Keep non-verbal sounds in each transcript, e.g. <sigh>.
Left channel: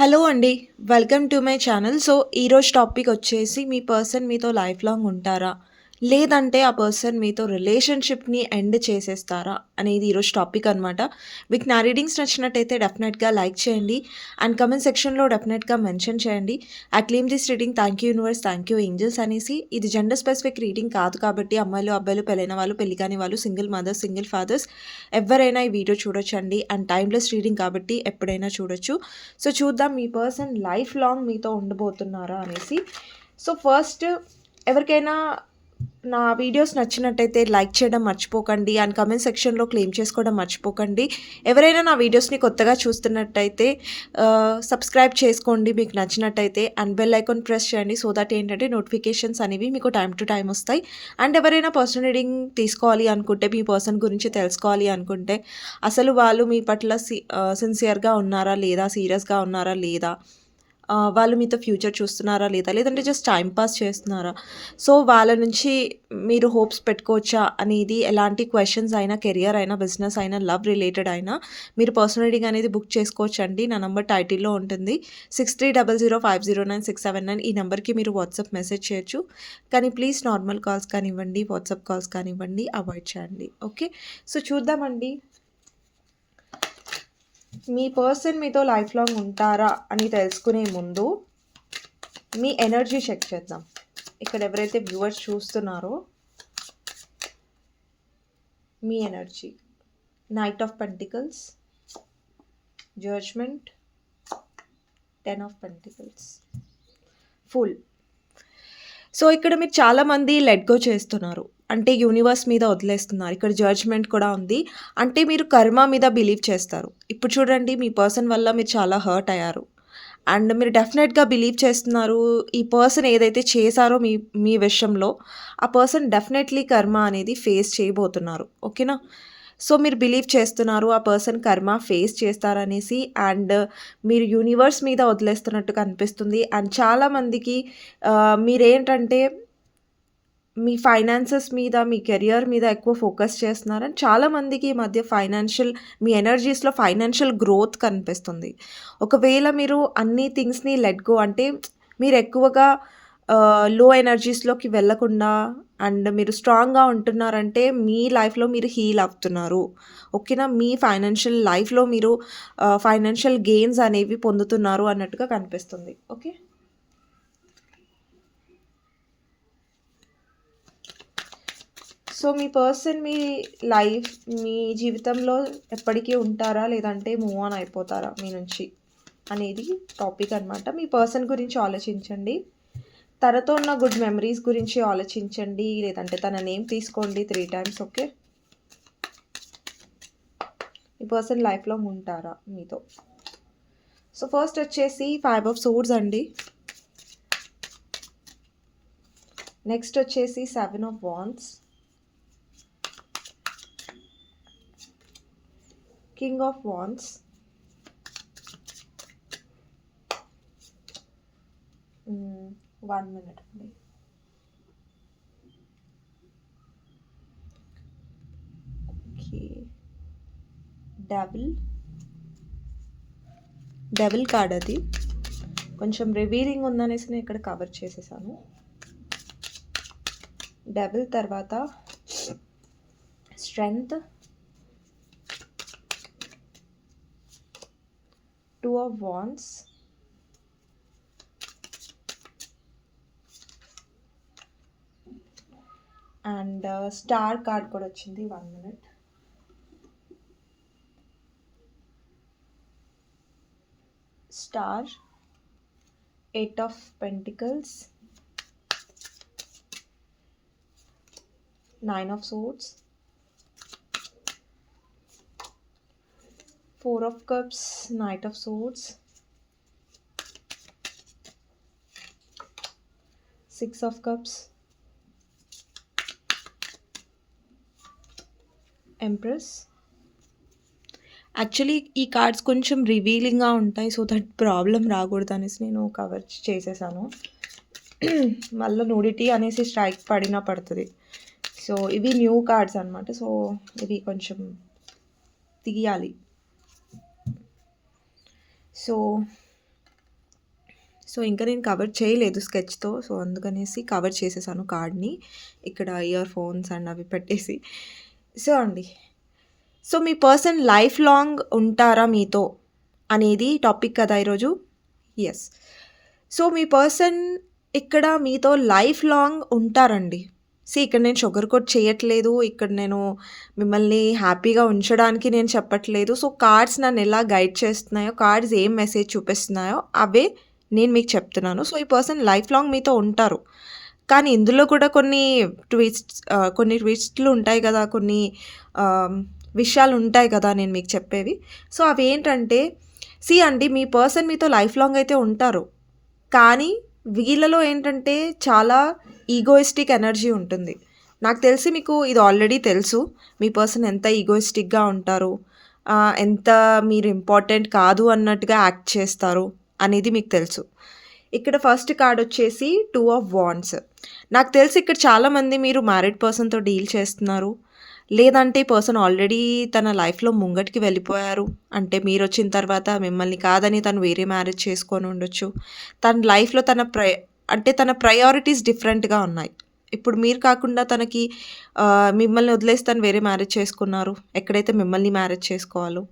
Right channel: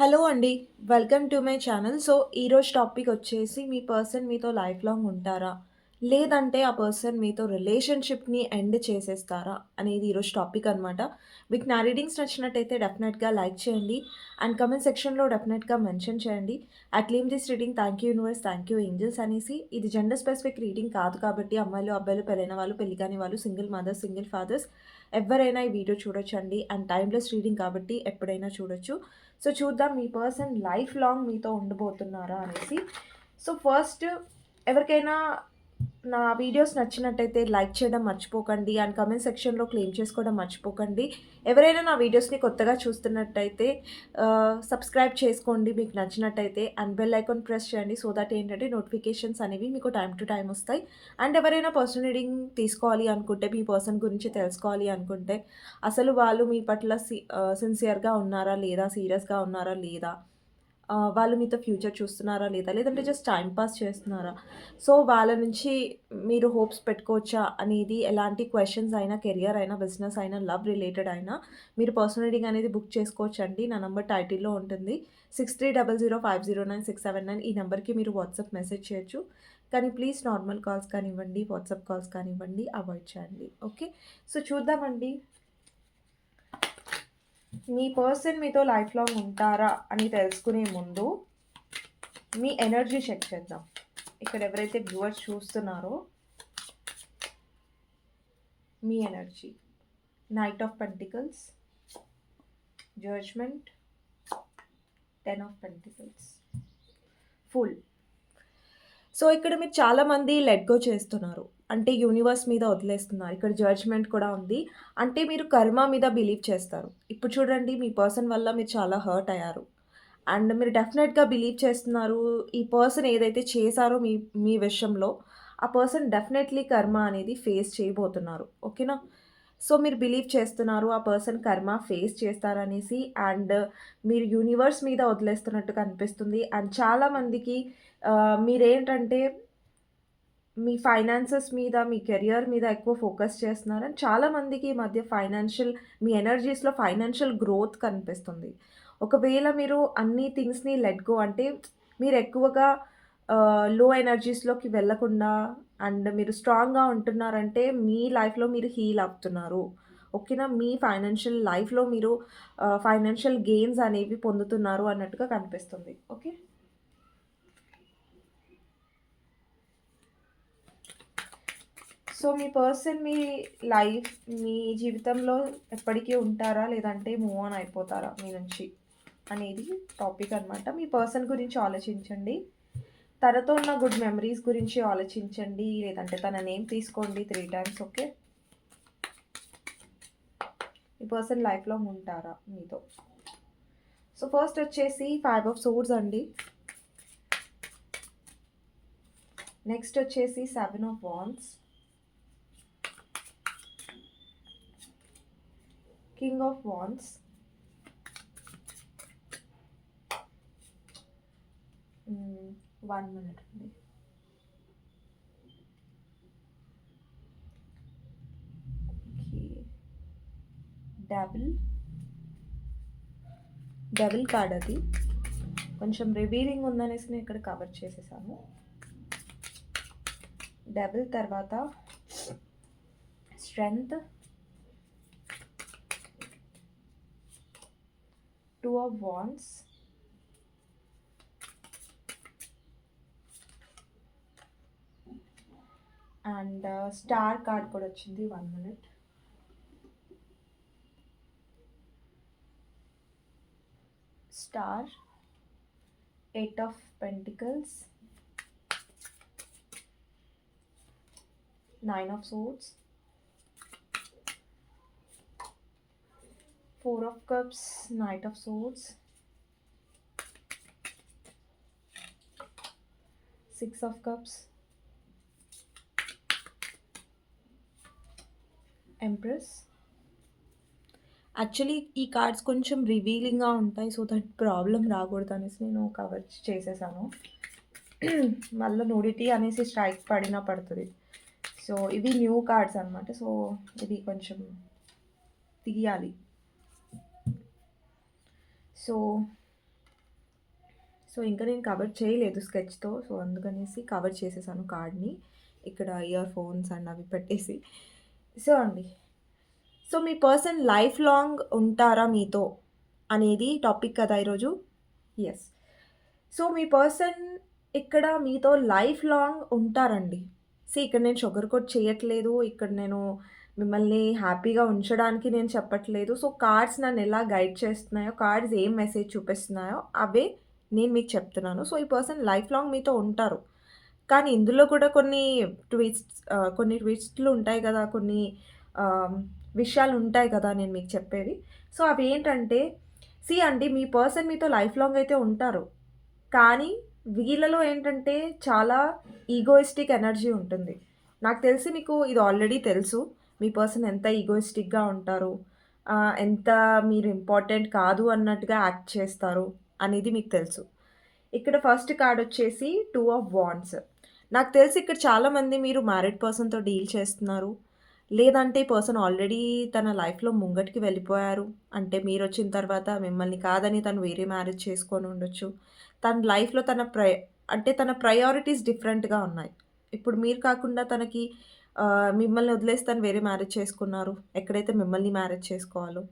Hello అండి. Welcome to my channel. So, ఈరోజు topic వచ్చేసి మీ పర్సన్ మీతో లైఫ్ లాంగ్ ఉంటారా? లేదంటే ఆ పర్సన్ మీతో రిలేషన్‌షిప్‌ని ఎండ్ చేసేస్తారా? అనేది ఈరోజు టాపిక్ అనమాట. మీకు నా రీడింగ్స్ నచ్చినట్టయితే డెఫినెట్‌గా లైక్ చేయండి. అండ్ కమెంట్ సెక్షన్‌లో డెఫినెట్‌గా మెన్షన్ చేయండి. I claim this reading thank you universe, thank you angels అనేసి. ఇది జెండర్ స్పెసిఫిక్ రీడింగ్ కాదు కాబట్టి అమ్మాయిలు, అబ్బాయిలు, పెళ్ళైన వాళ్ళు, పెళ్ళి కాని వాళ్ళు, సింగిల్ మదర్స్, సింగిల్ ఫాదర్స్ ఎవరైనా ఈ వీడియో చూడొచ్చండి. అండ్ టైమ్‌లెస్ రీడింగ్ కాబట్టి ఎప్పుడైనా చూడొచ్చు. సో, చూద్దాం మీ పర్సన్ లైఫ్ లాంగ్ మీతో ఉండబోతున్నారా అనేసి. సో, ఫస్ట్ ఎవరికైనా నా వీడియోస్ నచ్చినట్టయితే లైక్ చేయడం మర్చిపోకండి. అండ్ కమెంట్ సెక్షన్‌లో క్లెయిమ్ చేసుకోవడం మర్చిపోకండి. ఎవరైనా నా వీడియోస్‌ని కొత్తగా చూస్తున్నట్టయితే సబ్స్క్రైబ్ చేసుకోండి మీకు నచ్చినట్టయితే. అండ్ బెల్ ఐకాన్ ప్రెస్ చేయండి. సో దట్ ఏంటంటే నోటిఫికేషన్స్ అనేవి మీకు టైం టు టైం వస్తాయి. అండ్ ఎవరైనా పర్సనల్ రీడింగ్ తీసుకోవాలి అనుకుంటే, మీ పర్సన్ గురించి తెలుసుకోవాలి అనుకుంటే, అసలు వాళ్ళు మీ పట్ల సి సిన్సియర్‌గా ఉన్నారా? లేదా? సీరియస్‌గా ఉన్నారా? లేదా? వాళ్ళు మీతో ఫ్యూచర్ చూస్తున్నారా? లేదా? లేదంటే జస్ట్ టైం పాస్ చేస్తున్నారా? సో, వాళ్ళ నుంచి మీరు హోప్స్ పెట్టుకోవచ్చా? అనేది ఎలాంటి క్వశ్చన్స్ అయినా, కెరియర్ అయినా, బిజినెస్ అయినా, లవ్ రిలేటెడ్ అయినా మీరు పర్సనల్ రీడింగ్ అనేది బుక్ చేసుకోవచ్చు అండి నా నంబర్ టైటిల్‌లో ఉంటుంది. 6300509679 ఈ నెంబర్కి మీరు వాట్సాప్ మెసేజ్ చేయొచ్చు. కానీ ప్లీజ్ నార్మల్ కాల్స్ కానివ్వండి, వాట్సాప్ కాల్స్ కానివ్వండి అవాయిడ్ చేయండి. ఓకే. సో, చూద్దామండి. మీ పర్సన్ మీతో లైఫ్ లాంగ్ ఉంటారా? అని తెలుసుకునే ముందు మీ ఎనర్జీ చెక్ చేద్దాం. ఇక్కడ ఎవరైతే వ్యూవర్స్ చూస్తున్నారో మీ energy. Knight of pentacles, judgement, 10 of pentacles, full. So, ఇక్కడ మీరు చాలామంది లెట్ గో చేస్తున్నారు. అంటే యూనివర్స్ మీద వదిలేస్తున్నారు. ఇక్కడ జడ్జ్‌మెంట్ కూడా ఉంది. అంటే మీరు కర్మ మీద బిలీవ్ చేస్తారు. ఇప్పుడు చూడండి మీ పర్సన్ వల్ల మీరు చాలా హర్ట్ అయ్యారు. అండ్ మీరు డెఫినెట్‌గా బిలీవ్ చేస్తున్నారు. ఈ పర్సన్ ఏదైతే చేశారో మీ మీ విషయంలో, ఆ పర్సన్ డెఫినెట్‌లీ కర్మ అనేది ఫేస్ చేయబోతున్నారు. ఓకేనా? సో, మీరు బిలీవ్ చేస్తున్నారు. ఆ పర్సన్ కర్మ ఫేస్ చేస్తారనేసి. అండ్ మీరు యూనివర్స్ మీద వదిలేస్తున్నట్టుగా అనిపిస్తుంది. అండ్ చాలామందికి మీరేంటంటే మీ ఫైనాన్సెస్ మీద, మీ కెరియర్ మీద ఎక్కువ ఫోకస్ చేస్తున్నారు. అండ్ చాలామందికి ఈ మధ్య ఫైనాన్షియల్ మీ ఎనర్జీస్‌లో ఫైనాన్షియల్ గ్రోత్ కనిపిస్తుంది. ఒకవేళ మీరు అన్ని థింగ్స్‌ని లెట్ గో అంటే మీరు ఎక్కువగా లో ఎనర్జీస్‌లోకి వెళ్ళకుండా అండ్ మీరు స్ట్రాంగ్‌గా ఉంటున్నారంటే మీ లైఫ్‌లో మీరు హీల్ అవుతున్నారు. ఓకేనా? మీ ఫైనాన్షియల్ లైఫ్‌లో మీరు ఫైనాన్షియల్ గెయిన్స్ అనేవి పొందుతున్నారు అన్నట్టుగా కనిపిస్తుంది. ఓకే. సో, మీ పర్సన్ మీ లైఫ్ మీ జీవితంలో ఎప్పటికీ ఉంటారా? లేదంటే మూవ్ ఆన్ అయిపోతారా మీ నుంచి? అనేది టాపిక్ అనమాట. మీ పర్సన్ గురించి ఆలోచించండి. తనతో ఉన్న గుడ్ మెమరీస్ గురించి ఆలోచించండి. లేదంటే తన నేమ్ తీసుకోండి త్రీ టైమ్స్. ఓకే. ఈ పర్సన్ లైఫ్లో ఉంటారా మీతో? సో, ఫస్ట్ వచ్చేసి ఫైవ్ ఆఫ్ సోర్డ్స్ అండి. నెక్స్ట్ వచ్చేసి seven of wands king of wands one minute అండి. ఓకే. డబుల్ కార్డ్ అది. కొంచెం రివీలింగ్ ఉందనేసి నేను ఇక్కడ కవర్ చేసేసాను. డబుల్ తర్వాత strength. Two of wands and star card కూడా వచ్చింది. One minute. Star. Eight of pentacles. Nine of swords four of cups, knight of swords. 6 of cups. Empress. Actually ఈ కార్డ్స్ కొంచెం రివీలింగ్‌గా ఉంటాయి. సో దట్ ప్రాబ్లమ్ రాకూడదనేసి నేను cover చేసేసాను. <clears throat> మళ్ళీ నూడిటీ అనేసి స్ట్రైక్ పడినా పడుతుంది సో, ఇవి న్యూ కార్డ్స్ అనమాట. సో, ఇవి కొంచెం తీయాలి. సో సో, ఇంకా నేను కవర్ చేయలేదు స్కెచ్‌తో. సో, అందుకనేసి కవర్ చేసేసాను కార్డ్‌ని. ఇక్కడ ఇయర్ ఫోన్స్ అండ్ అవి పెట్టేసి. సో అండి. సో, మీ పర్సన్ లైఫ్ లాంగ్ ఉంటారా మీతో అనేది టాపిక్ కదా ఈరోజు. ఎస్ సో, మీ పర్సన్ ఇక్కడ మీతో లైఫ్ లాంగ్ ఉంటారండి. సీ ఇక్కడ నేను షుగర్ కోట్ చేయట్లేదు. ఇక్కడ నేను మిమ్మల్ని హ్యాపీగా ఉంచడానికి నేను చెప్పట్లేదు. సో, కార్డ్స్ నన్ను ఎలా గైడ్ చేస్తున్నాయో, కార్డ్స్ ఏం మెసేజ్ చూపిస్తున్నాయో అవే నేను మీకు చెప్తున్నాను. సో, ఈ పర్సన్ లైఫ్ లాంగ్ మీతో ఉంటారు. కానీ ఇందులో కూడా కొన్ని ట్విస్ట్స్ కొన్ని ట్విస్ట్‌లు ఉంటాయి కదా కొన్ని విషయాలు ఉంటాయి కదా నేను మీకు చెప్పేవి. సో, అవి ఏంటంటే సి అండి మీ పర్సన్ మీతో లైఫ్ లాంగ్ అయితే ఉంటారు. కానీ వీళ్ళలో ఏంటంటే చాలా ఈగోయిస్టిక్ ఎనర్జీ ఉంటుంది. నాకు తెలిసి మీకు ఇది ఆల్రెడీ తెలుసు. మీ పర్సన్ ఎంత ఈగోయిస్టిక్‌గా ఉంటారు. ఎంత మీరు ఇంపార్టెంట్ కాదు అన్నట్టుగా యాక్ట్ చేస్తారు అనేది మీకు తెలుసు. ఇక్కడ ఫస్ట్ కార్డ్ వచ్చేసి టూ ఆఫ్ వాండ్స్. నాకు తెలిసి ఇక్కడ చాలామంది మీరు మ్యారీడ్ పర్సన్‌తో డీల్ చేస్తున్నారు. లేదంటే పర్సన్ ఆల్రెడీ తన లైఫ్‌లో ముంగటికి వెళ్ళిపోయారు. అంటే మీరు వచ్చిన తర్వాత మిమ్మల్ని కాదని తను వేరే మ్యారేజ్ చేసుకొని ఉండొచ్చు. తన లైఫ్‌లో తన ప్రై అంటే తన ప్రయారిటీస్ డిఫరెంట్‌గా ఉన్నాయి. ఇప్పుడు మీరు కాకుండా తనకి మిమ్మల్ని వదిలేసి తను వేరే మ్యారేజ్ చేసుకున్నారు. ఎక్కడైతే మిమ్మల్ని మ్యారేజ్ చేసుకోవాలో.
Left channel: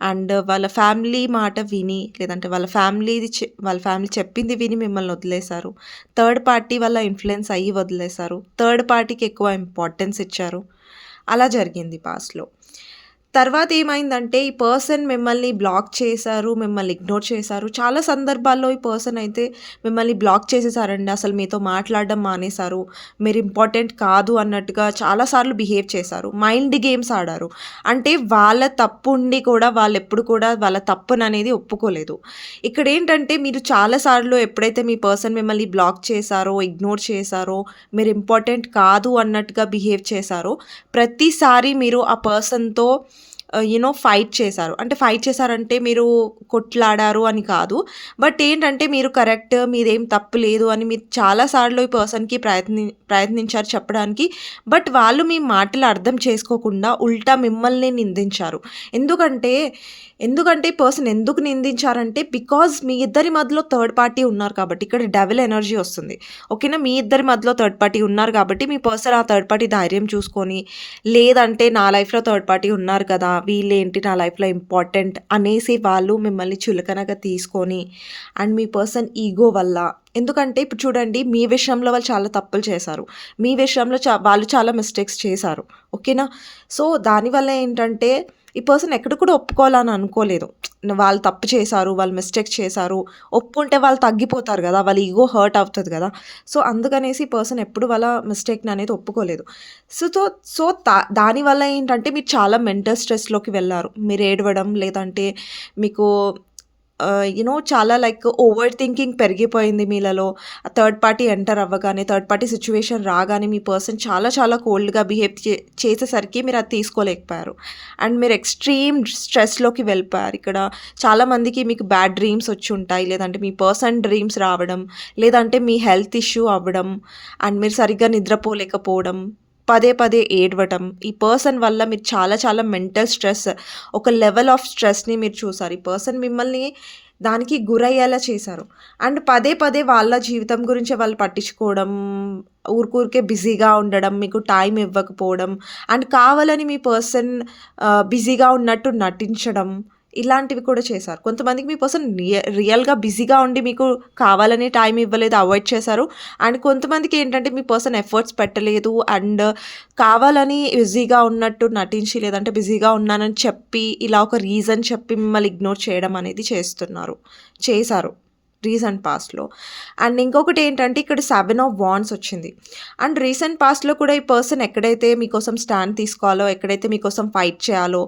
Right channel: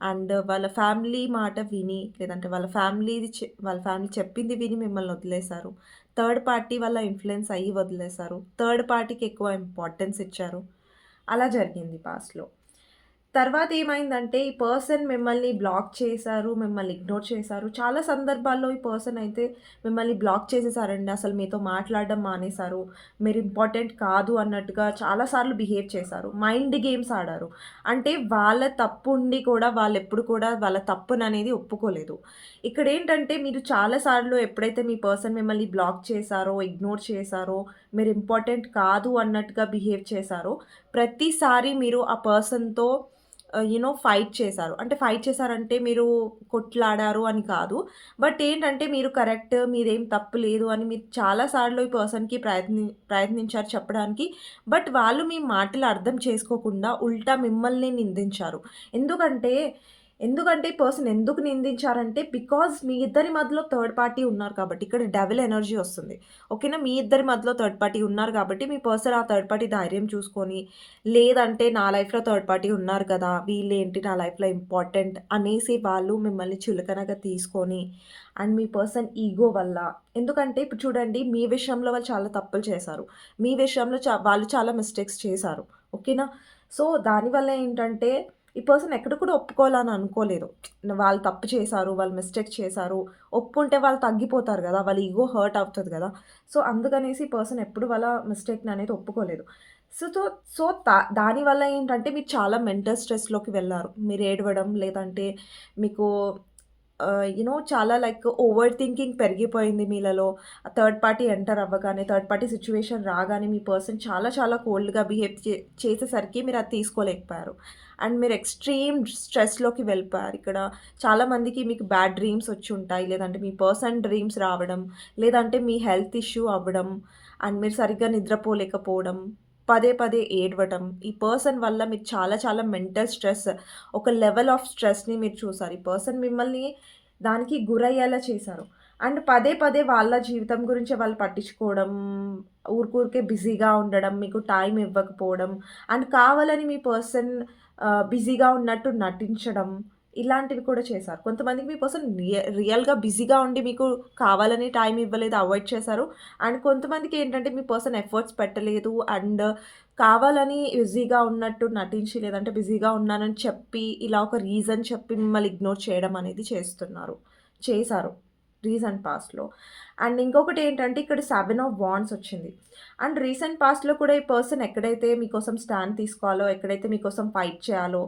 అండ్ వాళ్ళ ఫ్యామిలీ మాట విని, లేదంటే వాళ్ళ ఫ్యామిలీది వాళ్ళ ఫ్యామిలీ చెప్పింది విని మిమ్మల్ని వదిలేసారు. థర్డ్ పార్టీ వల్ల ఇన్ఫ్లుయెన్స్ అయ్యి వదిలేశారు థర్డ్ పార్టీకి ఎక్కువ ఇంపార్టెన్స్ ఇచ్చారు. అలా జరిగింది పాస్ట్‌లో. తర్వాత ఏమైందంటే ఈ పర్సన్ మిమ్మల్ని బ్లాక్ చేశారు. మిమ్మల్ని ఇగ్నోర్ చేశారు. చాలా సందర్భాల్లో ఈ పర్సన్ అయితే మిమ్మల్ని బ్లాక్ చేసేసారండి. అసలు మీతో మాట్లాడడం మానేశారు. మీరు ఇంపార్టెంట్ కాదు అన్నట్టుగా చాలా సార్లు బిహేవ్ చేశారు. మైండ్ గేమ్స్ ఆడారు. అంటే వాళ్ళ తప్పు ఉండి కూడా వాళ్ళు ఎప్పుడు కూడా వాళ్ళ తప్పుననేది ఒప్పుకోలేదు. ఇక్కడ ఏంటంటే మీరు చాలా సార్లు ఎప్పుడైతే మీ పర్సన్ మిమ్మల్ని బ్లాక్ చేశారో, ఇగ్నోర్ చేశారో, మీరు ఇంపార్టెంట్ కాదు అన్నట్టుగా బిహేవ్ చేశారో, ప్రతిసారి మీరు ఆ పర్సన్‌తో యూనో ఫైట్ చేశారు. అంటే ఫైట్ చేశారంటే మీరు కొట్లాడారు అని కాదు. బట్ ఏంటంటే మీరు కరెక్ట్, మీదేం తప్పు లేదు అని మీరు చాలా సార్లు ఈ పర్సన్‌కి ప్రయత్ని ప్రయత్నించారు చెప్పడానికి. బట్ వాళ్ళు మీ మాటలు అర్థం చేసుకోకుండా ఉల్టా మిమ్మల్ని నిందించారు. ఎందుకంటే, ఎందుకంటే పర్సన్ ఎందుకు నిందించారంటే బికాజ్ మీ ఇద్దరి మధ్యలో థర్డ్ పార్టీ ఉన్నారు కాబట్టి. ఇక్కడ డెవిల్ ఎనర్జీ వస్తుంది. ఓకేనా? మీ ఇద్దరి మధ్యలో థర్డ్ పార్టీ ఉన్నారు కాబట్టి మీ పర్సన్ ఆ థర్డ్ పార్టీ ధైర్యం చూసుకొని, లేదంటే నా లైఫ్‌లో థర్డ్ పార్టీ ఉన్నారు కదా! వీళ్ళేంటి నా లైఫ్‌లో ఇంపార్టెంట్ అనేసి వాళ్ళు మిమ్మల్ని చులకనగా తీసుకొని అండ్ మీ పర్సన్ ఈగో వల్ల ఎందుకంటే ఇప్పుడు చూడండి మీ విషయంలో వాళ్ళు చాలా తప్పులు చేశారు. మీ విషయంలో చ వాళ్ళు చాలా మిస్టేక్స్ చేశారు. ఓకేనా? సో, దానివల్ల ఏంటంటే ఈ పర్సన్ ఎక్కడ కూడా ఒప్పుకోవాలని అనుకోలేదు. వాళ్ళు తప్పు చేశారు. వాళ్ళు మిస్టేక్ చేశారు. ఒప్పుకుంటే వాళ్ళు తగ్గిపోతారు కదా వాళ్ళ ఈగో హర్ట్ అవుతుంది కదా సో, అందుకనేసి ఈ పర్సన్ ఎప్పుడు వాళ్ళ మిస్టేక్‌ని అనేది ఒప్పుకోలేదు. సో, సో సో, దానివల్ల ఏంటంటే మీరు చాలా మెంటల్ స్ట్రెస్‌లోకి వెళ్ళారు మీరు ఏడవడం లేదంటే మీకు యునో చాలా లైక్ ఓవర్ థింకింగ్ పెరిగిపోయింది మీలలో. థర్డ్ పార్టీ ఎంటర్ అవ్వగానే, థర్డ్ పార్టీ సిచ్యువేషన్ రాగానే మీ పర్సన్ చాలా చాలా కోల్డ్‌గా బిహేవ్ చే చేసేసరికి మీరు అది తీసుకోలేకపోయారు. అండ్ మీరు ఎక్స్‌ట్రీమ్ స్ట్రెస్‌లోకి వెళ్ళిపోయారు. ఇక్కడ చాలామందికి మీకు బ్యాడ్ డ్రీమ్స్ వచ్చి ఉంటాయి లేదంటే మీ పర్సన్ డ్రీమ్స్ రావడం, లేదంటే మీ హెల్త్ ఇష్యూ అవ్వడం అండ్ మీరు సరిగ్గా నిద్రపోలేకపోవడం, పదే పదే ఏడవటం. ఈ పర్సన్ వల్ల మీరు చాలా చాలా మెంటల్ స్ట్రెస్, ఒక లెవెల్ ఆఫ్ స్ట్రెస్‌ని మీరు చూసారు. ఈ పర్సన్ మిమ్మల్ని దానికి గురయ్యేలా చేశారు. అండ్ పదే పదే వాళ్ళ జీవితం గురించి వాళ్ళు పట్టించుకోవడం, ఊరికూరికే బిజీగా ఉండడం, మీకు టైం ఇవ్వకపోవడం అండ్ కావాలని మీ పర్సన్ బిజీగా ఉన్నట్టు నటించడం. ఇలాంటివి కూడా చేశారు. కొంతమందికి మీ పర్సన్ రియల్‌గా బిజీగా ఉండి మీకు కావాలని టైం ఇవ్వలేదు, అవాయిడ్ చేశారు. అండ్ కొంతమందికి ఏంటంటే మీ పర్సన్ ఎఫర్ట్స్ పెట్టలేదు అండ్ కావాలని బిజీగా ఉన్నట్టు నటించి, లేదంటే బిజీగా ఉన్నానని చెప్పి, ఇలా ఒక రీజన్ చెప్పి మిమ్మల్ని ఇగ్నోర్ చేయడం అనేది చేస్తున్నారు. చేశారు. రీసెంట్ పాస్ట్‌లో. అండ్ ఇంకొకటి ఏంటంటే ఇక్కడ సెవెన్ ఆఫ్ వాన్స్ వచ్చింది. అండ్ రీసెంట్ పాస్ట్‌లో కూడా ఈ పర్సన్ ఎక్కడైతే మీకోసం స్టాండ్ తీసుకోవాలో, ఎక్కడైతే మీకోసం ఫైట్ చేయాలో,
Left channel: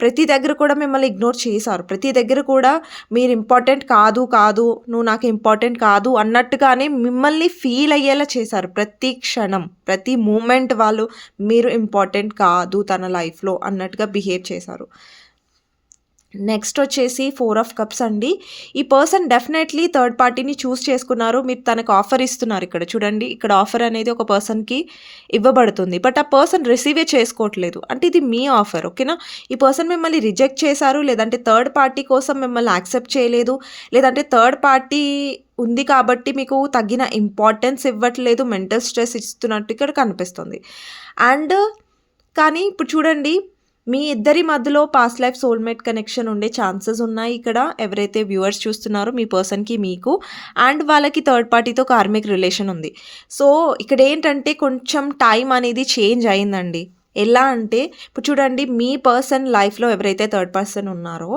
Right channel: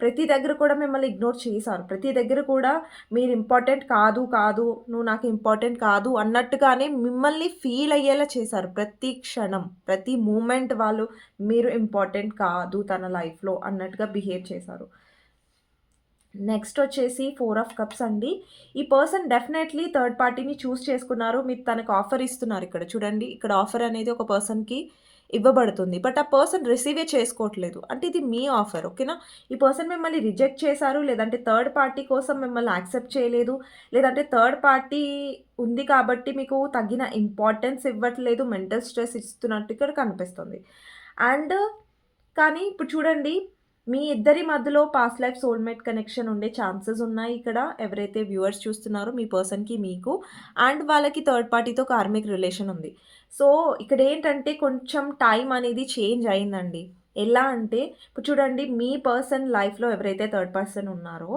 ప్రతి దగ్గర కూడా మిమ్మల్ని ఇగ్నోర్ చేశారు. ప్రతి దగ్గర కూడా మీరు ఇంపార్టెంట్ కాదు, కాదు, నువ్వు నాకు ఇంపార్టెంట్ కాదు అన్నట్టుగానే మిమ్మల్ని ఫీల్ అయ్యేలా చేశారు. ప్రతి క్షణం, ప్రతి మూమెంట్ వాళ్ళు మీరు ఇంపార్టెంట్ కాదు తన లైఫ్‌లో అన్నట్టుగా బిహేవ్ చేశారు. నెక్స్ట్ వచ్చేసి ఫోర్ ఆఫ్ కప్స్ అండి. ఈ పర్సన్ డెఫినెట్లీ థర్డ్ పార్టీని చూస్ చేసుకున్నారు. మీరు తనకు ఆఫర్ ఇస్తున్నారు ఇక్కడ. చూడండి ఇక్కడ ఆఫర్ అనేది ఒక పర్సన్కి ఇవ్వబడుతుంది. బట్ ఆ పర్సన్ రిసీవే చేసుకోవట్లేదు. అంటే ఇది మీ ఆఫర్ ఓకేనా? ఈ పర్సన్ మిమ్మల్ని రిజెక్ట్ చేశారు లేదంటే థర్డ్ పార్టీ కోసం మిమ్మల్ని యాక్సెప్ట్ చేయలేదు లేదంటే థర్డ్ పార్టీ ఉంది కాబట్టి మీకు తగిన ఇంపార్టెన్స్ ఇవ్వట్లేదు మెంటల్ స్ట్రెస్ ఇస్తున్నట్టు ఇక్కడ కనిపిస్తుంది. అండ్ కానీ ఇప్పుడు చూడండి మీ ఇద్దరి మధ్యలో పాస్ట్ లైఫ్ సోల్మేట్ కనెక్షన్ ఉండే ఛాన్సెస్ ఉన్నాయి ఇక్కడ. ఎవరైతే వ్యూవర్స్ చూస్తున్నారో మీ పర్సన్కి మీకు. అండ్ వాళ్ళకి థర్డ్ పార్టీతో కార్మిక్ రిలేషన్ ఉంది. సో ఇక్కడ ఏంటంటే కొంచెం టైం అనేది చేంజ్ అయిందండి. ఎలా అంటే ఇప్పుడు చూడండి మీ పర్సన్ లైఫ్లో ఎవరైతే థర్డ్ పర్సన్ ఉన్నారో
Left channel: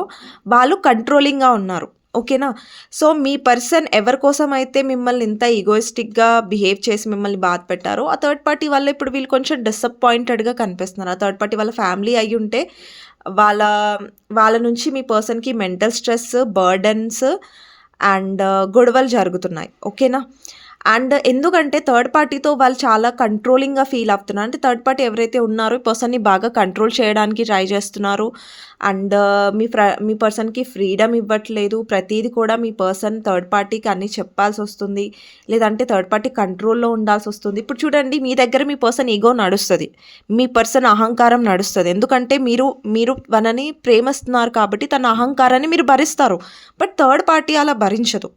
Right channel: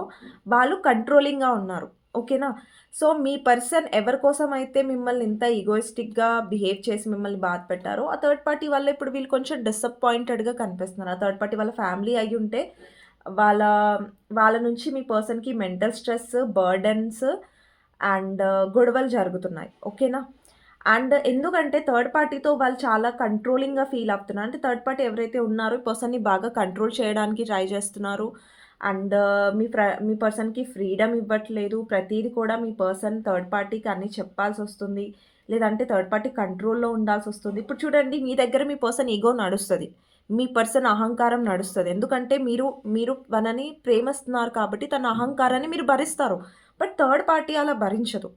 వాళ్ళు కంట్రోలింగ్గా ఉన్నారు. ఓకేనా? సో మీ పర్సన్ ఎవరి కోసం అయితే మిమ్మల్ని ఇంత ఈగోయిస్టిక్గా బిహేవ్ చేసి మిమ్మల్ని బాధ పెట్టారో ఆ థర్డ్ పార్టీ వల్ల ఇప్పుడు వీళ్ళు కొంచెం డిసప్పాయింటెడ్గా కనిపిస్తున్నారు. ఆ థర్డ్ పార్టీ వాళ్ళ ఫ్యామిలీ అయి ఉంటే వాళ్ళ వాళ్ళ నుంచి మీ పర్సన్కి మెంటల్ స్ట్రెస్ బర్డన్స్ అండ్ గొడవలు జరుగుతున్నాయి. ఓకేనా? అండ్ ఎందుకంటే థర్డ్ పార్టీతో వాళ్ళు చాలా కంట్రోలింగ్గా ఫీల్ అవుతున్నారు. అంటే థర్డ్ పార్టీ ఎవరైతే ఉన్నారో ఈ పర్సన్ని బాగా కంట్రోల్ చేయడానికి ట్రై చేస్తున్నారు. అండ్ uh, మీ ఫ్ర మీ పర్సన్కి ఫ్రీడమ్ ఇవ్వట్లేదు. ప్రతిదీ కూడా మీ పర్సన్ థర్డ్ పార్టీకి అన్నీ చెప్పాల్సి వస్తుంది. లేదంటే థర్డ్ పార్టీ కంట్రోల్లో ఉండాల్సి వస్తుంది. ఇప్పుడు చూడండి మీ దగ్గర మీ పర్సన్ ఈగో నడుస్తుంది. మీ పర్సన్ అహంకారం నడుస్తుంది. ఎందుకంటే మీరు మీరు మనని ప్రేమిస్తున్నారు కాబట్టి తన అహంకారాన్ని మీరు భరిస్తారు. బట్ థర్డ్ పార్టీ అలా భరించదు.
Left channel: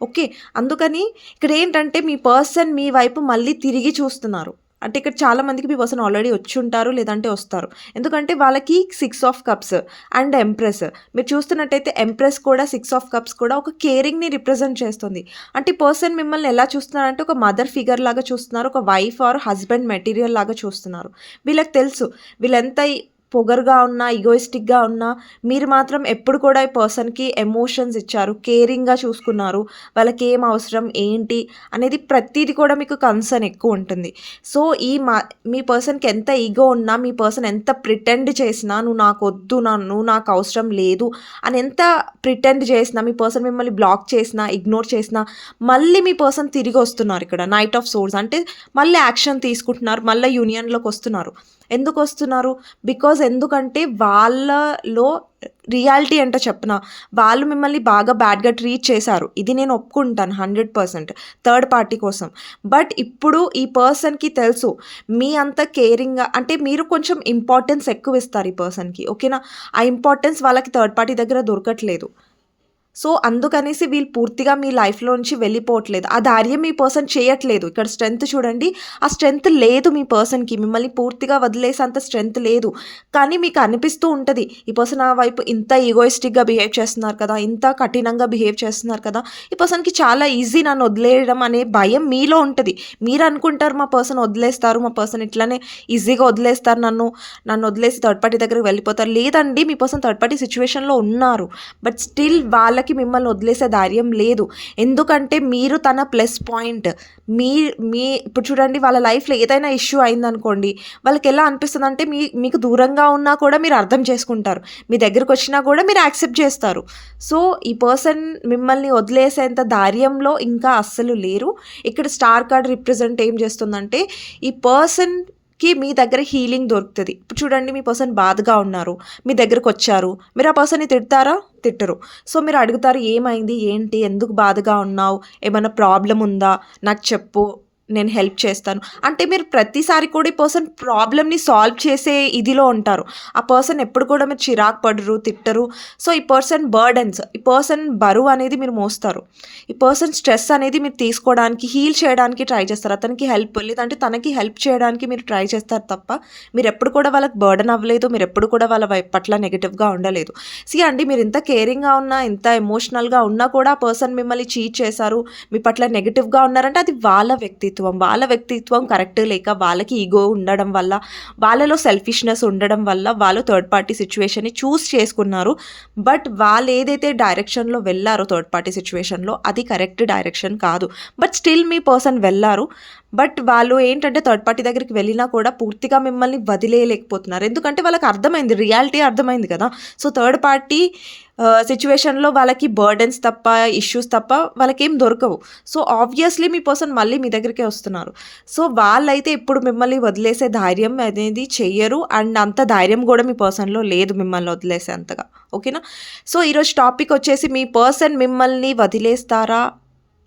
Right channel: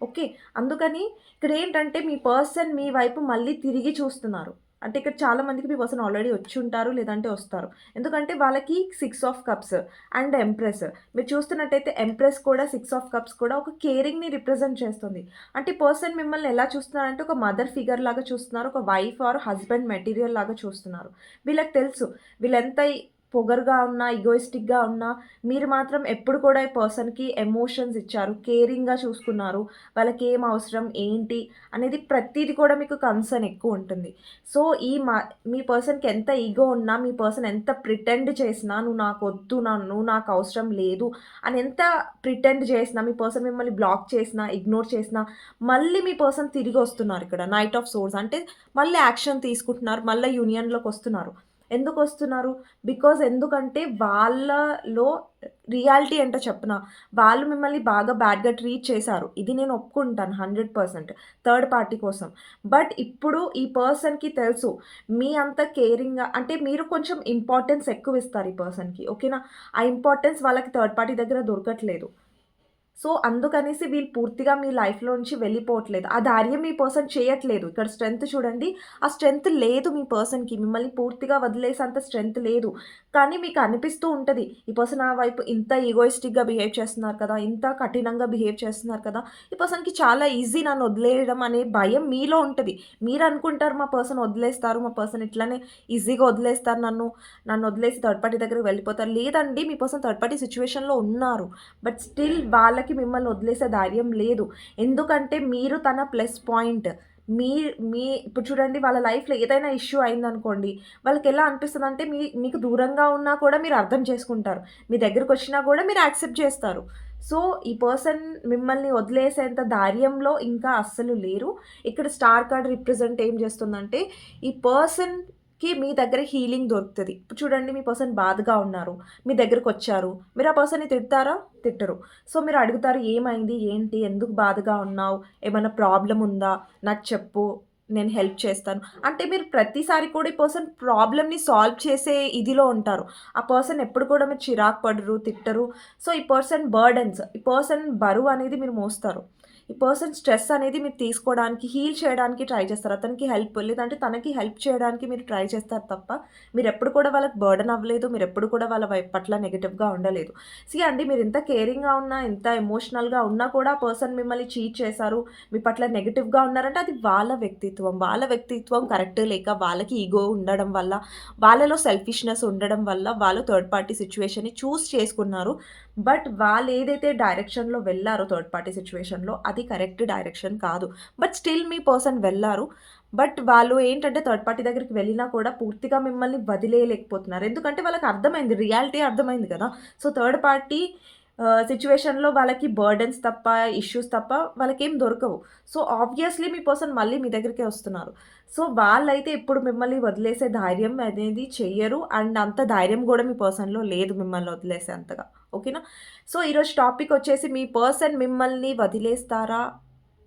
ఓకే. అందుకని ఇక్కడ ఏంటంటే మీ పర్సన్ మీ వైపు మళ్ళీ తిరిగి చూస్తున్నారు. అంటే ఇక్కడ చాలా మందికి మీ పర్సన్ ఆల్రెడీ వచ్చి ఉంటారు లేదంటే వస్తారు. ఎందుకంటే వాళ్ళకి six of cups and empress. మీరు చూస్తున్నట్టయితే ఎంప్రెస్ కూడా సిక్స్ ఆఫ్ కప్స్ కూడా ఒక కేరింగ్ని రిప్రజెంట్ చేస్తుంది. అంటే పర్సన్ మిమ్మల్ని ఎలా చూస్తున్నారంటే ఒక మదర్ ఫిగర్ లాగా చూస్తున్నారు ఒక వైఫ్ ఆర్ హస్బెండ్ మెటీరియల్ లాగా చూస్తున్నారు. వీళ్ళకి తెలుసు వీళ్ళెంత పొగరుగా ఉన్నా ఈగోయిస్టిక్గా ఉన్నా మీరు మాత్రం ఎప్పుడు కూడా ఈ పర్సన్కి ఎమోషన్స్ ఇచ్చారు కేరింగ్గా చూసుకున్నారు వాళ్ళకి ఏం అవసరం ఏంటి అనేది ప్రతిదీ కూడా మీకు కన్సర్న్ ఎక్కువ ఉంటుంది. సో ఈ మా మీ పర్సన్కి ఎంత ఈగో ఉన్నా మీ పర్సన్ ఎంత ప్రిటెండ్ చేసినా నువ్వు నాకు వద్దు నా నువ్వు నాకు అవసరం లేదు అని ఎంత ప్రిటెండ్ చేసినా మీ పర్సన్ మిమ్మల్ని బ్లాక్ చేసినా ఇగ్నోర్ చేసినా మళ్ళీ మీ పర్సన్ తిరిగి వస్తున్నారు ఇక్కడ నైట్ ఆఫ్ సోర్స్ అంటే మళ్ళీ యాక్షన్ తీసుకుంటున్నారు మళ్ళీ యూనియన్లోకి వస్తున్నారు. ఎందుకు వస్తున్నారు బికాజ్ ఎందుకంటే వాళ్ళలో రియాలిటీ అంటే చెప్పిన వాళ్ళు మిమ్మల్ని బాగా బ్యాడ్గా ట్రీట్ చేశారు. ఇది నేను ఒప్పుకుంటాను హండ్రెడ్ పర్సెంట్ థర్డ్ పార్టీ కోసం. బట్ ఇప్పుడు ఈ పర్సన్కి తెలుసు మీ అంత కేరింగ్గా అంటే మీరు కొంచెం ఇంపార్టెన్స్ ఎక్కువ ఇస్తారు ఈ పర్సన్కి ఓకేనా ఆ ఇంపార్టెన్స్ వాళ్ళకి థర్డ్ పార్టీ దగ్గర దొరకట్లేదు. సో అందుకనేసి వీళ్ళు పూర్తిగా మీ లైఫ్లో నుంచి వెళ్ళిపోవట్లేదు. ఆ ధైర్యం మీ పర్సన్ చేయట్లేదు. ఇక్కడ స్ట్రెంగ్త్ చూడండి. ఆ స్ట్రెంగ్త్ లేదు మీ పర్సన్కి. మిమ్మల్ని పూర్తిగా వదిలేసేంత స్ట్రెంగ్త్ లేదు. కానీ మీకు అనిపిస్తూ ఉంటుంది. ఈ పర్సన్ ఆ వైపు ఇంత ఈగోయిస్టిక్గా బిహేవ్ చేస్తున్నారు కదా ఇంత కఠినంగా బిహేవ్ చేస్తున్నారు కదా ఈ పర్సన్కి చాలా ఈజీ నన్ను వదిలేయడం అనే భయం మీలో ఉంటుంది. మీరు అనుకుంటారు మా పర్సన్ వదిలేస్తారు మా పర్సన్ ఇట్లానే ఈజీగా వదిలేస్తారు నన్ను నన్ను వదిలేసి థర్డ్ పార్టీ దగ్గరికి వెళ్ళిపోతారు. లేదండి మీ పర్సన్ థర్డ్ పార్టీ సిచ్యువేషన్లో ఉన్నారు. బట్ స్టిల్ వాళ్ళకి ఎవరికి మిమ్మల్ని వదిలేసే ధైర్యం లేదు. ఎందుకంటే మీరు తన ప్లస్ పాయింట్ మీ మీ ఇప్పుడు చూడండి వాళ్ళ లైఫ్లో ఏదైనా ఇష్యూ అయిందనుకోండి వాళ్ళకి ఎలా అనిపిస్తుంది అంటే మీ మీకు దూరంగా ఉన్నా కూడా మీరు అర్థం చేసుకుంటారు. మీ దగ్గరకు వచ్చినా కూడా మీరు యాక్సెప్ట్ చేస్తారు. సో ఈ పర్సన్ మిమ్మల్ని వదిలేసేంత ధైర్యంలో ఇంకా అస్సలు లేరు. ఇక్కడ స్టార్ కార్డ్ రిప్రజెంట్ ఏం చేస్తుందంటే ఈ పర్సన్ కి మీ దగ్గర హీలింగ్ దొరుకుతుంది. ఇప్పుడు చూడండి మీ పర్సన్ బాధగా ఉన్నారు. మీ దగ్గరకు వచ్చారు. మీరు ఆ పర్సన్ని తిడతారా? తిట్టరు. సో మీరు అడుగుతారు ఏమైంది? ఏంటి? ఎందుకు బాధగా ఉన్నావు? ఏమైనా ప్రాబ్లం ఉందా? నాకు చెప్పు. నేను హెల్ప్ చేస్తాను. అంటే మీరు ప్రతిసారి కూడా ఈ పర్సన్ ప్రాబ్లమ్ని సాల్వ్ చేసే ఇదిలో ఉంటారు. ఆ పర్సన్ ఎప్పుడు కూడా మీరు చిరాకు పడరు తిట్టరు. సో ఈ పర్సన్ బర్డన్స్ ఈ పర్సన్ బరువు అనేది మీరు మోస్తారు. ఈ పర్సన్ స్ట్రెస్ అనేది మీరు తీసుకోవడానికి హీల్ చేయడానికి ట్రై చేస్తారు. అతనికి హెల్ప్ లేదంటే తనకి హెల్ప్ చేయడానికి మీరు ట్రై చేస్తారు తప్ప మీరు ఎప్పుడు కూడా వాళ్ళకి బర్డన్ అవ్వలేదు. మీరు ఎప్పుడు కూడా వాళ్ళ వైపు పట్ల నెగిటివ్గా ఉండలేదు. సి అండి మీరు ఇంత కేరింగ్గా ఉన్నా ఇంత ఎమోషనల్గా ఉన్నా కూడా ఆ పర్సన్ మిమ్మల్ని చీట్ చేశారు. మీ పట్ల నెగిటివ్గా ఉన్నారంటే అది వాళ్ళ వ్యక్తిత్వం. వ్యక్తిత్వం వాళ్ళ వ్యక్తిత్వం కరెక్ట్ లేక వాళ్ళకి ఈగో ఉండడం వల్ల వాళ్ళలో సెల్ఫిష్నెస్ ఉండడం వల్ల వాళ్ళు థర్డ్ పార్టీ సిచ్యువేషన్ని చూస్ చేసుకున్నారు. బట్ వాళ్ళు ఏదైతే డైరెక్షన్లో వెళ్ళారో థర్డ్ పార్టీ సిచ్యువేషన్లో అది కరెక్ట్ డైరెక్షన్ కాదు. బట్ స్టిల్ మీ పర్సన్ వెళ్ళారు. బట్ వాళ్ళు ఏంటంటే థర్డ్ పార్టీ దగ్గరికి వెళ్ళినా కూడా పూర్తిగా మిమ్మల్ని వదిలేయలేకపోతున్నారు. ఎందుకంటే వాళ్ళకి అర్థమైంది రియాలిటీ అర్థమైంది కదా. సో థర్డ్ పార్టీ సిచ్యువేషన్లో వాళ్ళకి బర్డెన్స్ తప్ప, ఇష్యూస్ తప్ప వాళ్ళకేం దొరకవు. సో, ఆబ్వియస్‌లీ మీ పర్సన్ మళ్ళీ మీ దగ్గరికే వస్తున్నారు. సో, వాళ్ళైతే ఇప్పుడు మిమ్మల్ని వదిలేసే ధైర్యం అనేది చెయ్యరు. అండ్ అంత ధైర్యం కూడా మీ పర్సన్‌లో లేదు మిమ్మల్ని వదిలేసే అంతగా. ఓకేనా? సో, ఈరోజు టాపిక్ వచ్చేసి మీ పర్సన్ మిమ్మల్ని వదిలేస్తారా?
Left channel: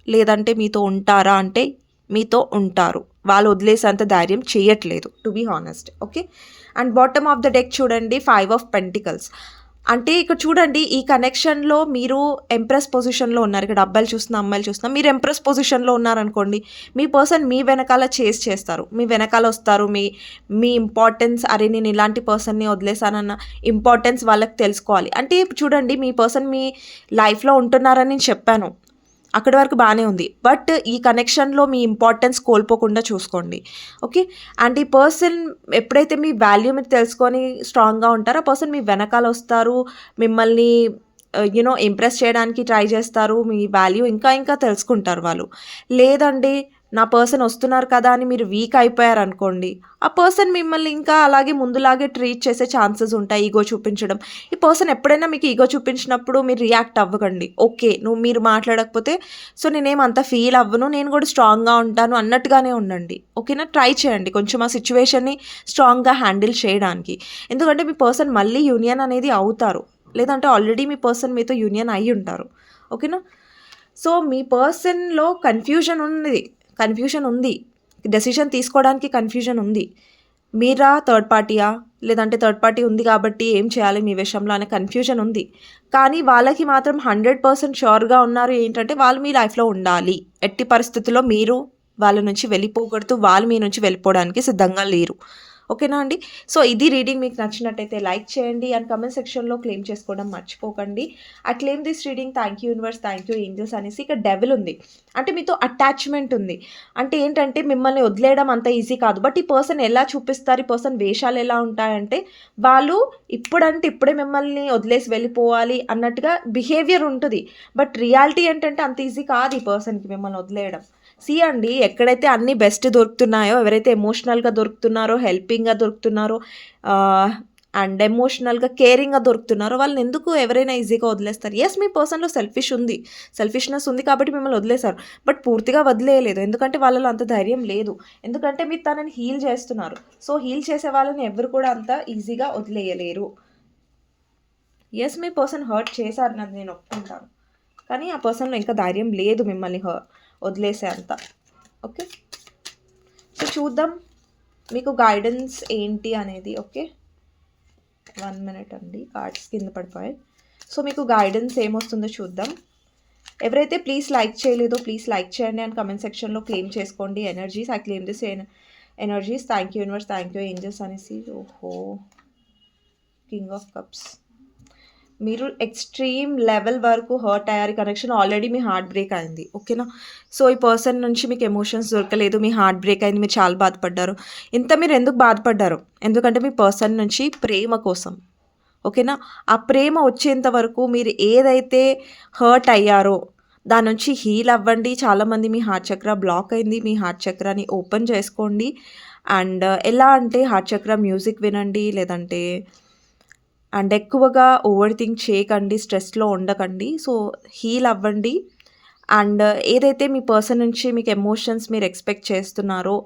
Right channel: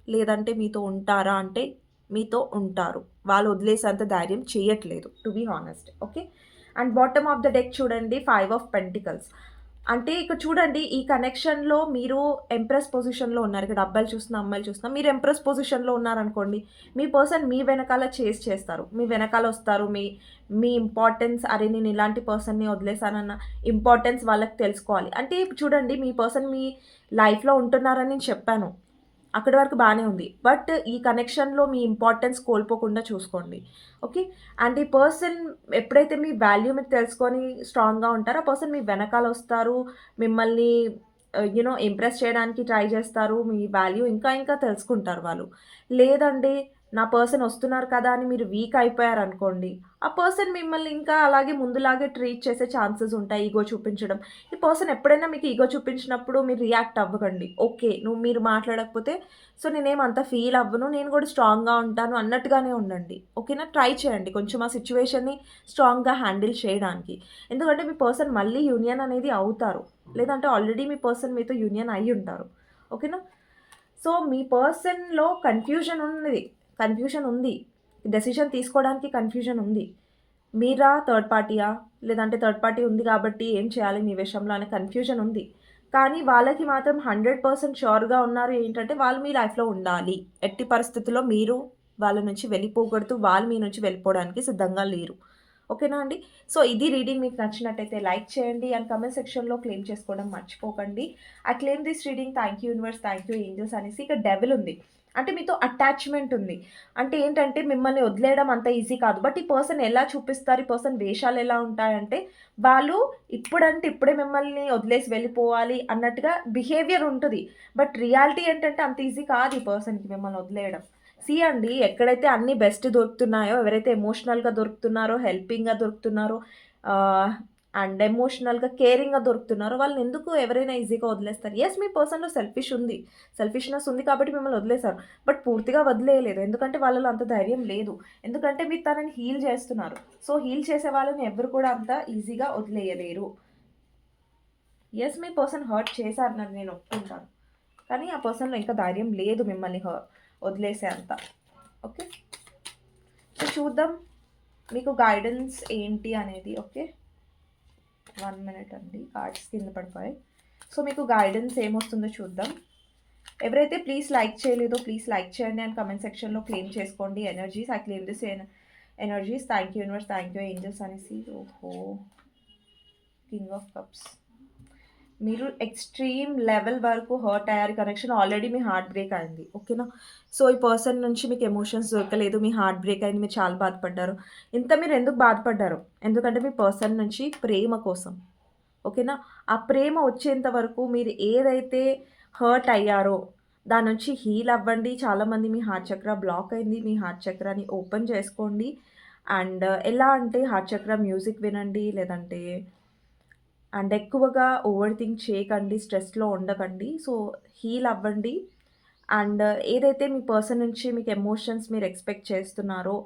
లేదంటే మీతో ఉంటారా? అంటే మీతో ఉంటారు. వాళ్ళు వదిలేసేంత ధైర్యం చేయట్లేదు to be honest. Okay. And bottom of the deck చూడండి ఫైవ్ ఆఫ్ పెంటికల్స్. అంటే ఇక్కడ చూడండి ఈ కనెక్షన్‌లో మీరు ఎంప్రెస్ పొజిషన్‌లో ఉన్నారు. ఇక్కడ అబ్బాయిలు చూస్తున్నా, అమ్మాయిలు చూస్తున్నా. మీరు ఎంప్రెస్ పొజిషన్‌లో ఉన్నారనుకోండి. మీ పర్సన్ మీ వెనకాల చేజ్ చేస్తారు. మీ వెనకాల వస్తారు. మీ మీ ఇంపార్టెన్స్ అరే! నేను ఇలాంటి పర్సన్‌ని వదిలేశానన్న ఇంపార్టెన్స్ వాళ్ళకి తెలుసుకోవాలి. అంటే చూడండి మీ పర్సన్ మీ లైఫ్‌లో ఉంటున్నారని నేను చెప్పాను. అక్కడి వరకు బాగానే ఉంది. బట్ ఈ కనెక్షన్‌లో మీ ఇంపార్టెన్స్ కోల్పోకుండా చూసుకోండి. ఓకే. అండ్ ఈ పర్సన్ ఎప్పుడైతే మీ వాల్యూ మీరు తెలుసుకొని స్ట్రాంగ్‌గా ఉంటారో ఆ పర్సన్ మీ వెనకాల వస్తారు. మిమ్మల్ని యూనో ఇంప్రెస్ చేయడానికి ట్రై చేస్తారు. మీ వాల్యూ ఇంకా ఇంకా తెలుసుకుంటారు వాళ్ళు. లేదండి నా పర్సన్ వస్తున్నారు కదా అని మీరు వీక్ అయిపోయారనుకోండి. ఆ పర్సన్ మిమ్మల్ని ఇంకా అలాగే ముందులాగే ట్రీట్ చేసే ఛాన్సెస్ ఉంటాయి. ఈగో చూపించడం. ఈ పర్సన్ ఎప్పుడైనా మీకు ఈగో చూపించినప్పుడు మీరు రియాక్ట్ అవ్వకండి. ఓకే. నువ్వు మీరు మాట్లాడకపోతే సో, నేనేమంత అంత ఫీల్ అవ్వను. నేను కూడా స్ట్రాంగ్‌గా ఉంటాను అన్నట్టుగానే ఉండండి. ఓకేనా? ట్రై చేయండి. కొంచెం ఆ సిచ్యువేషన్ని స్ట్రాంగ్‌గా హ్యాండిల్ చేయడానికి. ఎందుకంటే మీ పర్సన్ మళ్ళీ యూనియన్ అనేది అవుతారు. లేదంటే ఆల్రెడీ మీ పర్సన్ మీతో యూనియన్ అయి ఉంటారు. ఓకేనా? సో, మీ పర్సన్‌లో కన్‌ఫ్యూజన్ ఉంది. కన్ఫ్యూషన్ ఉంది. డెసిషన్ తీసుకోవడానికి కన్‌ఫ్యూజన్ ఉంది. మీరా థర్డ్ పార్టీయా? లేదంటే థర్డ్ పార్టీ ఉంది కాబట్టి ఏం చేయాలి మీ విషయంలో అనే కన్‌ఫ్యూజన్ ఉంది. కానీ వాళ్ళకి మాత్రం 100% ష్యూర్‌గా ఉన్నారు ఏంటంటే వాళ్ళు మీ లైఫ్‌లో ఉండాలి. ఎట్టి పరిస్థితుల్లో మీరు వాళ్ళ నుంచి వెళ్ళిపోకూడదు. వాళ్ళు మీ నుంచి వెళ్ళిపోవడానికి సిద్ధంగా లేరు. ఓకేనా అండి? సో, ఇది రీడింగ్ మీకు నచ్చినట్టయితే లైక్ చేయండి. అండ్ కమెంట్ సెక్షన్‌లో క్లెయిమ్ చేసుకోవడం మర్చిపోకండి. I claim this reading thank you universe, thank you angels అనేసి ఇక్కడ డెవల్ ఉంది. అంటే మీతో అటాచ్‌మెంట్ ఉంది. అంటే ఏంటంటే మిమ్మల్ని వదిలేయడం అంత ఈజీ కాదు. బట్ ఈ పర్సన్ ఎలా చూపిస్తారు? ఈ పర్సన్ వేషాలు ఎలా ఉంటాయంటే వాళ్ళు ఇప్పుడంటే ఇప్పుడే మిమ్మల్ని వదిలేసి వెళ్ళిపోవాలి అన్నట్టుగా బిహేవియర్ ఉంటుంది బట్ రియాలిటీ ఏంటంటే అంత ఈజీ కాదు ఈ పర్సన్‌కి మిమ్మల్ని వదిలేయడం. సీ అండి ఎక్కడైతే అన్ని బెస్ట్ దొరుకుతున్నాయో, ఎవరైతే ఎమోషనల్‌గా దొరుకుతున్నారో, హెల్పింగ్‌గా దొరుకుతున్నారో అండ్ ఎమోషనల్‌గా, కేరింగ్‌గా దొరుకుతున్నారో వాళ్ళని ఎందుకు ఎవరైనా ఈజీగా వదిలేస్తారు. ఎస్ మీ పర్సన్‌లో సెల్ఫిష్ ఉంది. సెల్ఫిష్‌నెస్ ఉంది కాబట్టి మిమ్మల్ని వదిలేశారు బట్ పూర్తిగా వదిలేయలేదు. ఎందుకంటే వాళ్ళలో అంత ధైర్యం లేదు. ఎందుకంటే మీరు తనని హీల్ చేస్తున్నారు. సో, హీల్ చేసే వాళ్ళని ఎవరు కూడా అంత ఈజీగా వదిలేయలేరు. ఎస్ మీ పర్సన్ హర్ట్ చేశారు నన్ను నేను ఒప్పుకుంటాను. కానీ ఆ పర్సన్‌లో ఇంకా ధైర్యం లేదు మిమ్మల్ని వదిలేసేంత వదిలేసే ఓకే. సో, చూద్దాం మీకు గైడెన్స్ ఏంటి అనేది. ఓకే. వన్ మినిట్ అండి. కార్డ్స్ కింద పడిపోయాయి. సో, మీకు గైడెన్స్ ఏమొస్తుందో చూద్దాం. ఎవరైతే ప్లీజ్ లైక్ చేయలేదో ప్లీజ్ లైక్ చేయండి అండ్ కమెంట్ సెక్షన్‌లో క్లెయిమ్ చేసుకోండి energies. I claim this energies. Thank you universe, thank you angels అనేసి. ఓహో! King of cups. మీరు ఎక్స్‌ట్రీమ్ లెవెల్ వరకు హర్ట్ అయ్యారు. కనెక్షన్ ఆల్రెడీ మీ హార్ట్ బ్రేక్ అయింది. ఓకేనా? సో, ఈ పర్సన్ నుంచి మీకు ఎమోషన్స్ దొరకలేదు. మీ హార్ట్ బ్రేక్ అయింది. మీరు చాలా బాధపడ్డారు. ఇంత మీరు ఎందుకు బాధపడ్డారు? ఎందుకంటే మీ పర్సన్ నుంచి ప్రేమ కోసం. ఓకేనా? ఆ ప్రేమ వచ్చేంత వరకు మీరు ఏదైతే హర్ట్ అయ్యారో దాని నుంచి హీల్ అవ్వండి. చాలామంది మీ హార్ట్ చక్ర బ్లాక్ అయింది. మీ హార్ట్ చక్రాని ఓపెన్ చేసుకోండి. అండ్ ఎలా అంటే హార్ట్ చక్ర మ్యూజిక్ వినండి. లేదంటే అండ్ ఎక్కువగా ఓవర్ థింక్ చేయకండి. స్ట్రెస్‌లో ఉండకండి. సో, హీల్ అవ్వండి. అండ్ ఏదైతే మీ పర్సన్ నుంచి మీకు ఎమోషన్స్ మీరు ఎక్స్‌పెక్ట్ చేస్తున్నారో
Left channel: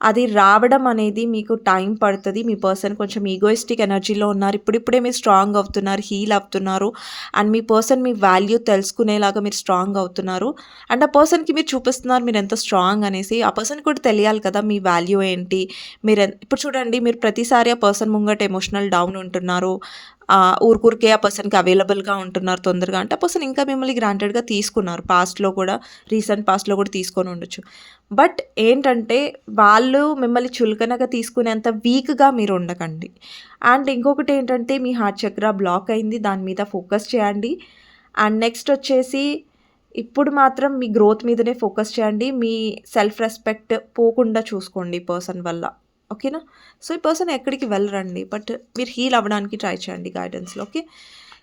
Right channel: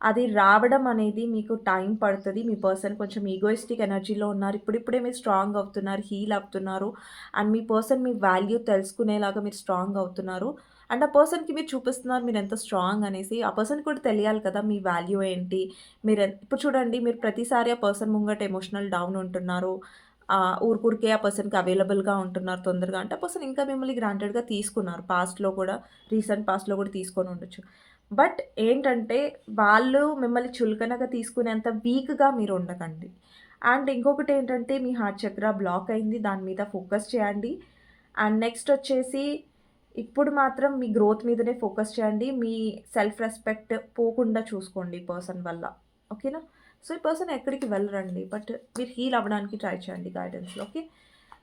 అది రావడం అనేది మీకు టైం పడుతుంది మీ పర్సన్ కొంచెం ఈగోయిస్టిక్ ఎనర్జీలో ఉన్నారు. ఇప్పుడిప్పుడే మీరు స్ట్రాంగ్ అవుతున్నారు. హీల్ అవుతున్నారు. అండ్ మీ పర్సన్ మీ వాల్యూ తెలుసుకునేలాగా మీరు స్ట్రాంగ్ అవుతున్నారు. అండ్ ఆ పర్సన్‌కి మీరు చూపిస్తున్నారు మీరు ఎంత స్ట్రాంగ్ అనేసి. ఆ పర్సన్ కూడా తెలియాలి కదా మీ వాల్యూ ఏంటి? మీరు ఇప్పుడు చూడండి మీరు ప్రతిసారి ఆ పర్సన్ ముంగట ఎమోషనల్ డౌన్ ఉంటున్నారు. ఊరికూరికే ఆ పర్సన్‌కి అవైలబుల్‌గా ఉంటున్నారు తొందరగా అంటే ఆ పర్సన్ ఇంకా మిమ్మల్ని గ్రాంటెడ్‌గా తీసుకున్నారు. పాస్ట్‌లో కూడా రీసెంట్ పాస్ట్‌లో కూడా తీసుకొని ఉండొచ్చు. బట్ ఏంటంటే వాళ్ళు మిమ్మల్ని చులకనగా తీసుకునేంత వీక్‌గా మీరు ఉండకండి. అండ్ ఇంకొకటి ఏంటంటే మీ హార్ట్ చక్ర బ్లాక్ అయింది. దాని మీద ఫోకస్ చేయండి. అండ్ నెక్స్ట్ వచ్చేసి ఇప్పుడు మాత్రం మీ గ్రోత్ మీదనే ఫోకస్ చేయండి. మీ సెల్ఫ్ రెస్పెక్ట్ పోకుండా చూసుకోండి పర్సన్ వల్ల. ఓకేనా? సో, ఈ పర్సన్ ఎక్కడికి వెళ్ళరండి. బట్ మీరు హీల్ అవ్వడానికి ట్రై చేయండి గైడెన్స్‌లో. ఓకే.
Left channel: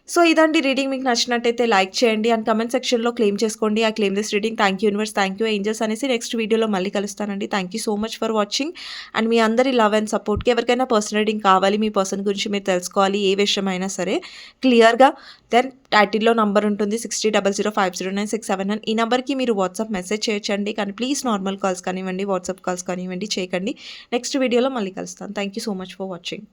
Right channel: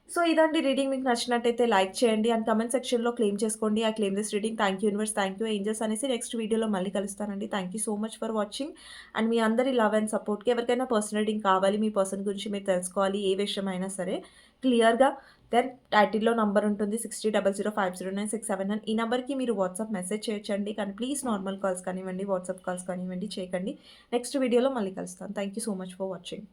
సో ఇదండి రీడింగ్ మీకు నచ్చినట్టయితే లైక్ చేయండి అండ్ కమెంట్ సెక్షన్‌లో క్లెయిమ్ చేసుకోండి. I claim this reading. Thank you universe, thank you angels అనేసి నెక్స్ట్ వీడియోలో మళ్ళీ కలుస్తానండి. Thank you so much for watching. And మీ అందరి లవ్ అండ్ సపోర్ట్‌కి ఎవరికైనా పర్సనల్ రీడింగ్ కావాలి, మీ పర్సన్ గురించి మీరు తెలుసుకోవాలి, ఏ విషయమైనా సరే క్లియర్‌గా దెన్ టైటిల్‌లో నంబర్ ఉంటుంది 6000509679 ఈ నెంబర్కి మీరు వాట్సాప్ మెసేజ్ చేయొచ్చండి. కానీ ప్లీజ్ నార్మల్ కాల్స్ కానివ్వండి, వాట్సాప్ కాల్స్ కానివ్వండి చేయకండి. నెక్స్ట్ వీడియోలో మళ్ళీ కలుస్తాను. Thank you so much for watching.